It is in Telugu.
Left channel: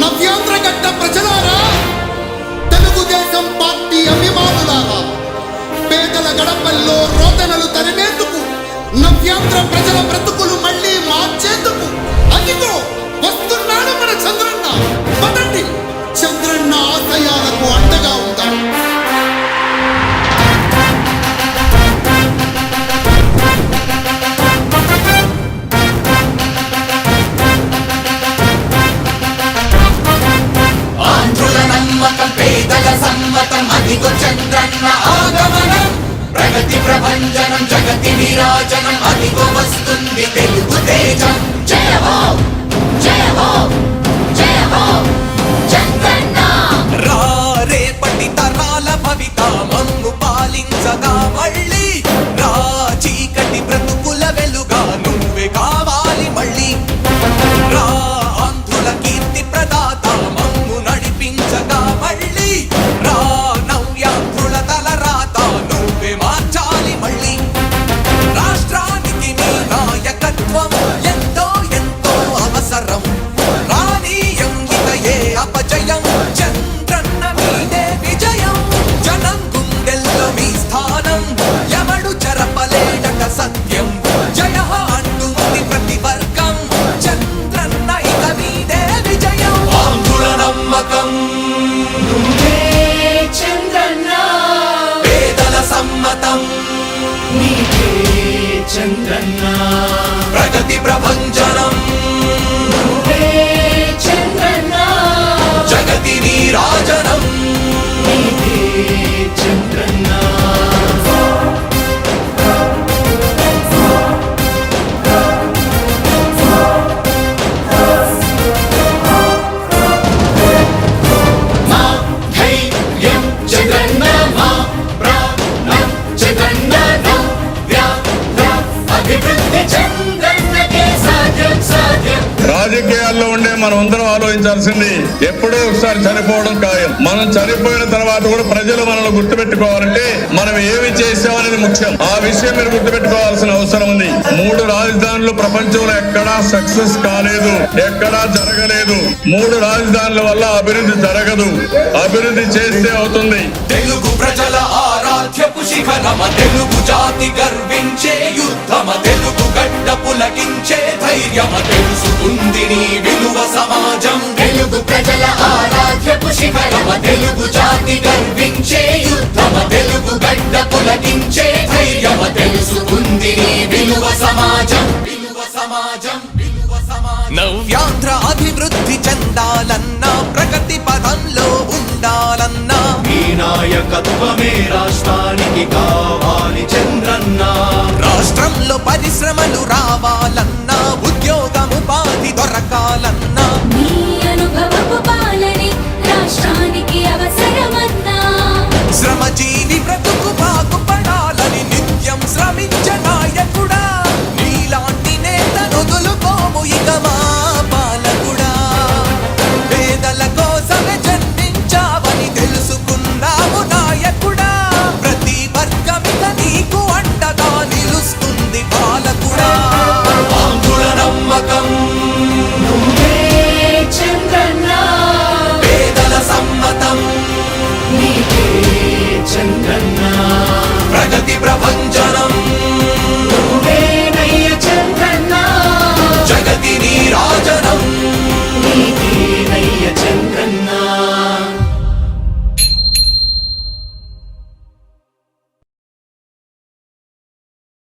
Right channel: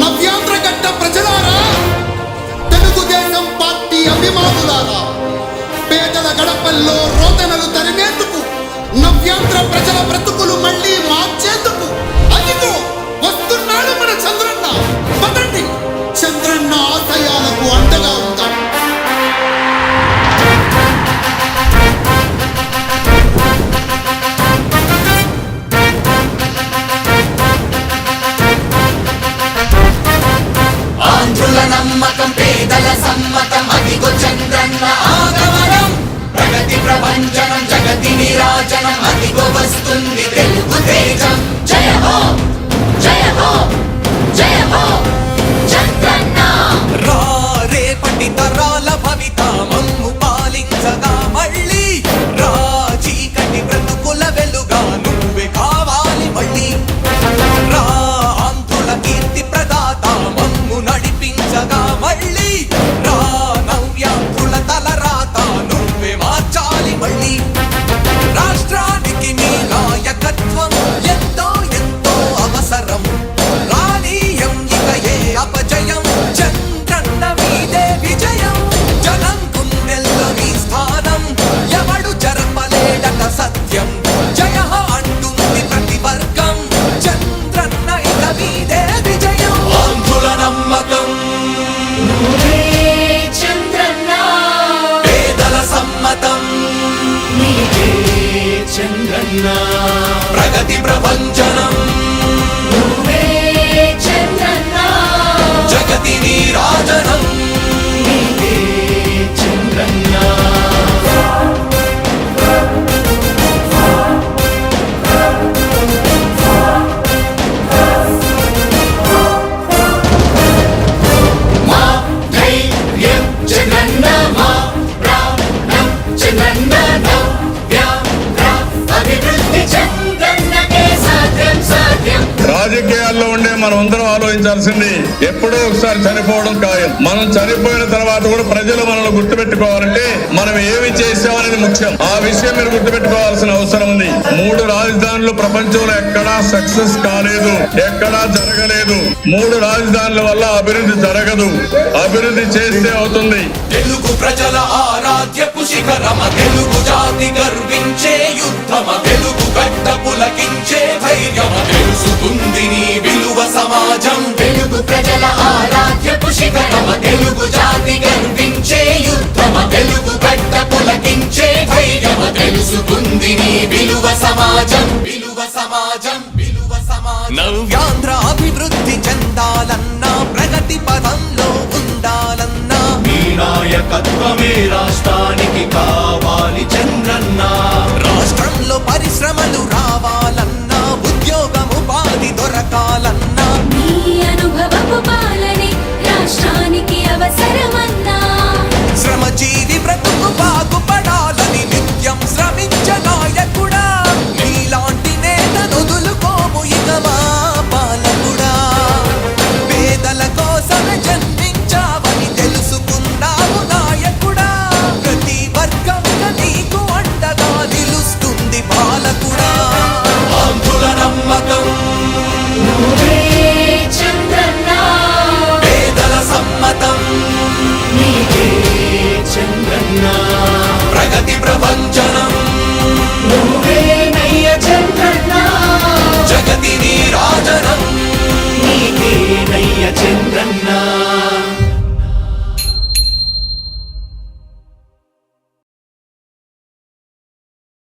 నవ్యాంధ్రగడ్డ ప్రజలారా, తెలుగుదేశం పార్టీ అభిమానులారా, పేదల గడపల్లో రోదనలు తరిమేందుకు, నవ్యాంధ్ర ప్రజల బ్రతుకులు మళ్ళీ మార్చేందుకు అదిగో వస్తున్నాడు మన చంద్రన్న. పదండి, చంద్రన్న ఆశయాలకు అండగా ఉందాం. ఆంధ్రుల నమ్మకం, పేదల సమ్మతం, అదిగో చంద్రన్న ఆగమనం. ప్రగతి ప్రభంజనం, జగతి నీరాజనం, అదిగో వస్తుంది తెలుగు తేజం. జయ హో, జయ హో, జయ హో చంద్రన్న. రా రేపటి తరాల భవిత మమ్ము పాలించగా మళ్ళీ. రా చీకటి బ్రతుకుల వెలుగా నువ్వే కావాలి మళ్ళీ. రా ఆంధ్రుల కీర్తి ప్రదాత మమ్ము నడిపించగా మళ్ళీ. రా నవ్యాంధ్రుల తలరాత నువ్వే మార్చాలి మళ్ళీ. రాష్ట్రానికి నీ నాయకత్వం ఎంతో ఎంతో అవసరం. రానీయం ఇక ఏ అపజయం, చంద్రన్న మీదే విజయం. జనం గుండెల్లో మీ స్థానం, ఎవడు చెరపలేడట సత్యం. జయ హో అంటుంది ప్రతి వర్గం, చంద్రన్న ఇక మీదే విజయం. ఆంధ్రుల నమ్మకం, చంద్రన్న పేదల సమ్మతం, చంద్రన్న ప్రగతి ప్రభంజనం, చంద్రన్న జగతి నీరాజనం. చంద్రన్న మా ధైర్యం చంద్రన్న, మా ప్రాణం చంద్రన్న, అభివృద్ధి చంద్రన్నకే సాధ్యం సాధ్యం. రాజకీయాల్లో ఉండే మనం అందరం ఆలోచించాల్సింది, ఎప్పుడో ఒకసారి చనిపోవడం ఖాయం. మనం చనిపోయిన తర్వాత కూడా ప్రజలు మనల్ని గుర్తుపెట్టుకోవాలంటే మనం ఏమి చేసామనేది ముఖ్యం. ఆ విషయం మీరు గుర్తుపెట్టుకోవాల్సిన అవసరం ఉంది. 3 రాజధానులు ప్రపంచంలో ఎక్కడా సక్సెస్ కాలేదు, ఎక్కడా జరగలేదు. 3 రాజధానుల వల్ల అభివృద్ధి జరగదు, అభివృద్ధి చేస్తే అవుతుంది. తెలుగు ప్రజల ఆరాధ్యపు శిఖరమ, తెలుగు జాతి గర్వించే యుద్ధమ, తెలుగు గడ్డ పులకించే ధైర్యమ, తెలుసుకుంది నీ విలువ సమాజం. తెలుగు ప్రజల